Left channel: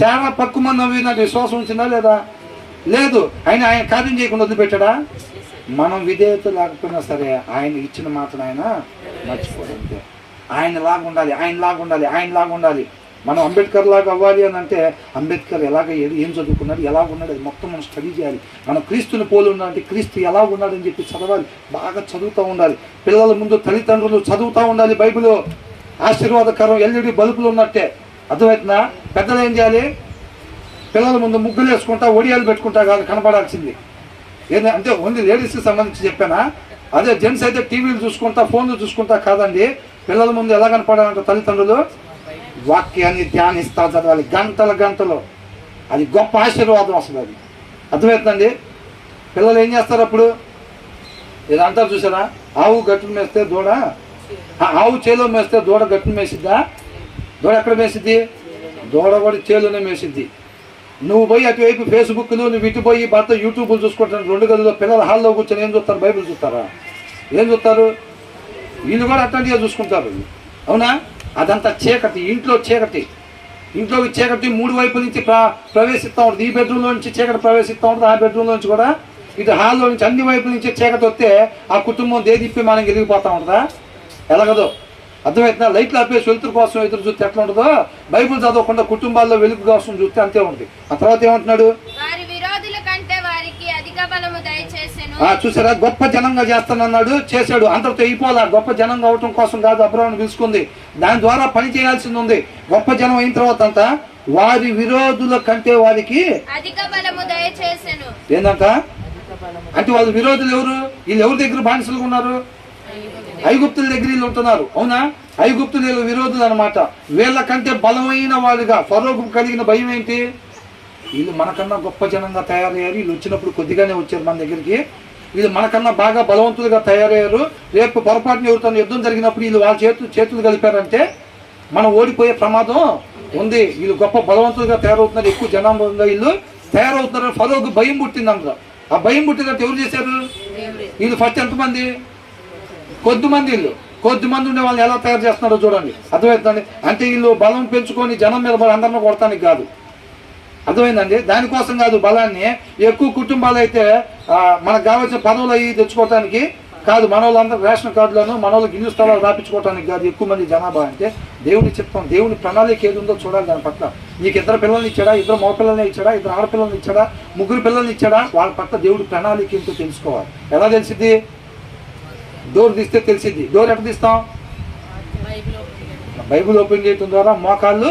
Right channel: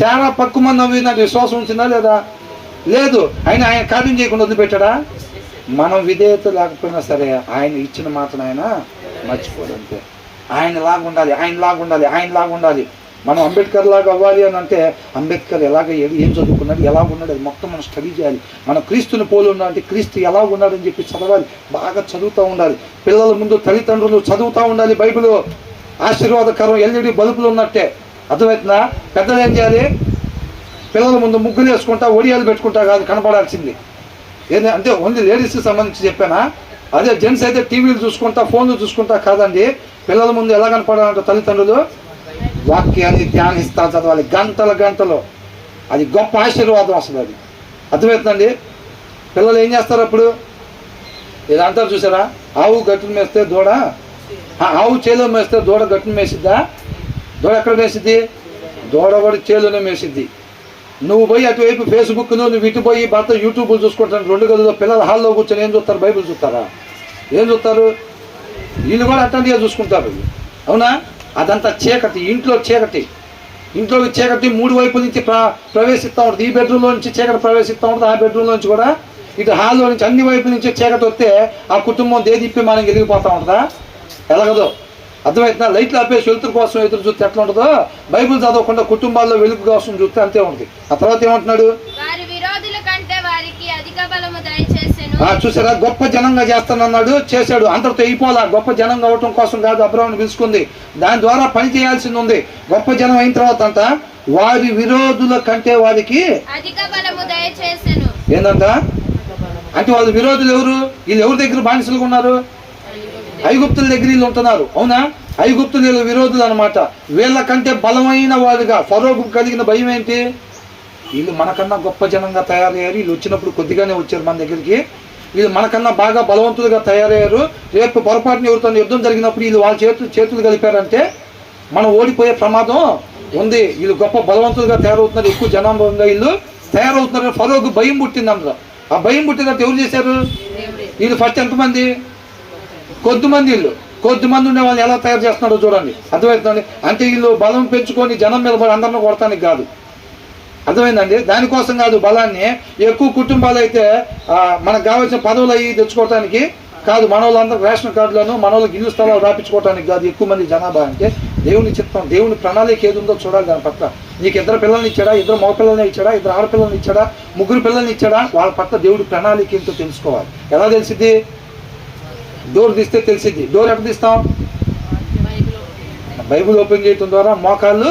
చాలా పక్కు మంది నవ్వి నాకు విశ్వాసం ఉంచిందా లేదా? లేదు. ఆయన కార్యం చేయకుండా వదిలిపెట్టాడా? మనం విధేయత లేకపోయినా సరే ఆయన ఇచ్చిన మాటను ఆయన మర్చిపోదంతే. ఆయనలాగా ఉండాలి, ఆయనలాగా ఉండాలి, ఆయనలాగా ఉండాలి. మనం అంబేద్కర్ లాగా అవ్వాలి అని అంటే అంబేద్కర్ ఎలాగ ఏం చదువుకున్నాడు, ఎలా ఉన్నాడు, అది మొత్తం మనం స్టడీ చేయాలి. మనం క్రీస్తుని పోలి ఉన్నామంటే క్రీస్తు ఎలా ఉన్నాడని చెప్పి చదవాలి, బాగా చదువుతూ ఉండాలి. పిల్లల ముందు తల్లిదండ్రులు చదువుతూ ఉండాలి. బైబిల్ ఆశీర్వాదకరం ఎల్ఈడి బల్బులు ఉన్నట్టే. అర్థమవుతుందా? పెద్దలు ఏం చేయాలి? పిల్లల ముందు ముగ్గులు వేసుకుంటా ఒడియాలు పెట్టుకుంటా కాదు కనపడాల్సింది. అంటే ఓన్లీ లేడీస్కి సంబంధించి చెప్పానా? అదే జెంట్స్ అయితే టీవీలు చూసుకుంటా ఫోన్లు చూసుకుంటా కాదండి. పిల్లల ముందు ఎలా కనపడాలంటే తల్లిదండ్రులు వాక్యాన్ని ధ్యానిస్తా చదవాలి గంటల గంటలు. అది గొప్ప ఆశీర్వాదం అసలు. అది అర్థమవుతుందండి. పిల్లలు ఏం చేస్తారు అప్పుడు? ఇది అంటారు చూసారా, ఆవు గట్టును మేస్తే దూడ, ఆవు చేలో మేస్తే దూడ గట్టును మేసిద్దా? దూడ ఎక్కడ మేసిద్ది? దూడ కూడా చేలోనే మేసిద్ది. నువ్వు పోయి అటువైపు ఫేస్బుక్లు, నువ్వు ఇటు పోయి భర్త యూట్యూబ్లు చూసుకుంటాను. 2 గదుల్లో పిల్లలు హాల్లో కూర్చొని ఏం చూస్తారు? బైబిల్ చూస్తారా? ఏం చూస్తారు? వీళ్ళు కూడా అట్లాంటిగా చూసుకుంటారు. అవునా? అదంతా చీకటి, ఇంట్లో చీకటి. ఇంట్లోకి చీకటి 3 వైపుల నుంచి ప్రవేశిస్తూ ఉంటుంది. ఈ బెడ్రూమ్లో నుంచి చీకటి ప్రవేశిస్తూ ఉంటుంది, ఆ బెడ్రూమ్లో నుంచి కూడా ఇటు హాల్లో నుంచి అన్ని వైపుల నుంచి చీకటి వస్తే ఆ కుటుంబం దేదిప్పి మనం ఎదిగిపోతూ ఉంటుందా? ఎలాగదో అర్థమవుతుందా? లైట్లు ఆపేసి వెలుతురు కోసం ఎదురు చూస్తే ఎట్లా ఉంటుందో, బైబిల్ చదవకుండా కుటుంబాల్లో వెలుగు కోసం చూస్తే అంతే ఉంటుంది. ఆ తర్వాత ఏమంటున్నాడు? చూసారా, గొప్ప జనంగా చేస్తానన్నాడు, చేశాడు. అంతటితో అయిపోలా. గొప్ప జనంగా అవటం కోసం కాదు అబ్రాహామును పిలుచుకుంది, దాని ద్వారా పని చేయాల్సింది ఉంది. గొప్ప జనం అయిన తర్వాత అంట వారి విరోధుల కంటే వారికి అధిక బలము దయచేసెను. ఏందంట అంటే వాళ్ళ విరోధులు ఎవరు? వీళ్ళు ఎవరి దగ్గర బానిసలుగా ఉన్నారు? ఐగుప్తుల దగ్గర వీళ్ళు ఉంటున్నారు. అవునా? ఐగుప్తులు వీళ్ళ విరోధులు అనమాట. వీళ్ళకంటే బలమైన వాళ్ళుగా ఫరోకు కలిగిన భయం ఏంటి? వీళ్ళు మనకన్నా గొప్ప జనంగా తయారయ్యారు. వీళ్ళు వచ్చినప్పుడు కొద్దిగానే వచ్చారు మన దగ్గరికి. వీళ్ళు మనకన్నా బాగా బలవంతులుగా తయారయ్యారు. రేపు పొరపాటున ఎవరితో యుద్ధం జరిగినప్పుడు వీళ్ళు వాళ్ళ చేతులు కలిపారంటే మనం ఓడిపోయే ప్రమాదం ఉంది. వీళ్ళు గొప్ప బలవంతులుగా తయారవుతున్నారు, ఎక్కువ జనాంగంగా వీళ్ళు తయారవుతున్నారు. ఫరోకు భయం పుట్టింది అందులో. ఆ భయం పుట్టినట్టు ఎవరు చేశారు? వీళ్ళు ఫస్ట్ ఎంతమంది? కొద్దిమంది. వీళ్ళు కొద్దిమంది ఉండే వాళ్ళు ఎలా తయారు చేస్తున్నారో చూడండి. అర్థమవుతుందండి. అంటే వీళ్ళు బలం పెంచుకొని జనం మీద పడి అందరిని కొడతానికి కాదు. అర్థమైందండి. దానికోసం కాదు. బలాన్ని ఎక్కువ కుటుంబాలు అయితే మనకు కావాల్సిన పదవులు అవి తెచ్చుకోవటానికి కాదు. మన వాళ్ళందరూ రేషన్ కార్డులను మన వాళ్ళకి ఇల్లు స్థలాలు రాపించుకోవటానికి కాదు. ఎక్కువ మంది జనాభా అంటే దేవుని చిత్తం, దేవుని ప్రణాళిక ఏది ఉందో చూడాలి. దాని పట్ల నీకు 2 పిల్లల్ని ఇచ్చాడా, 2 మగపిల్లల్ని ఇచ్చాడా, 2 ఆడపిల్లల్ని ఇచ్చాడా, 3 పిల్లల్ని ఇచ్చాడా, వాళ్ళ పట్ల దేవుడి ప్రణాళిక ఏంటో తెలుసుకోవాలి. ఎలా తెలిసిద్ది? డోర్ తీస్తే తెలిసిద్ది. డోర్ ఎక్కడ తీస్తాం? బైబిల్ ఓపెన్ చేయటం ద్వారా మోకాళ్ళు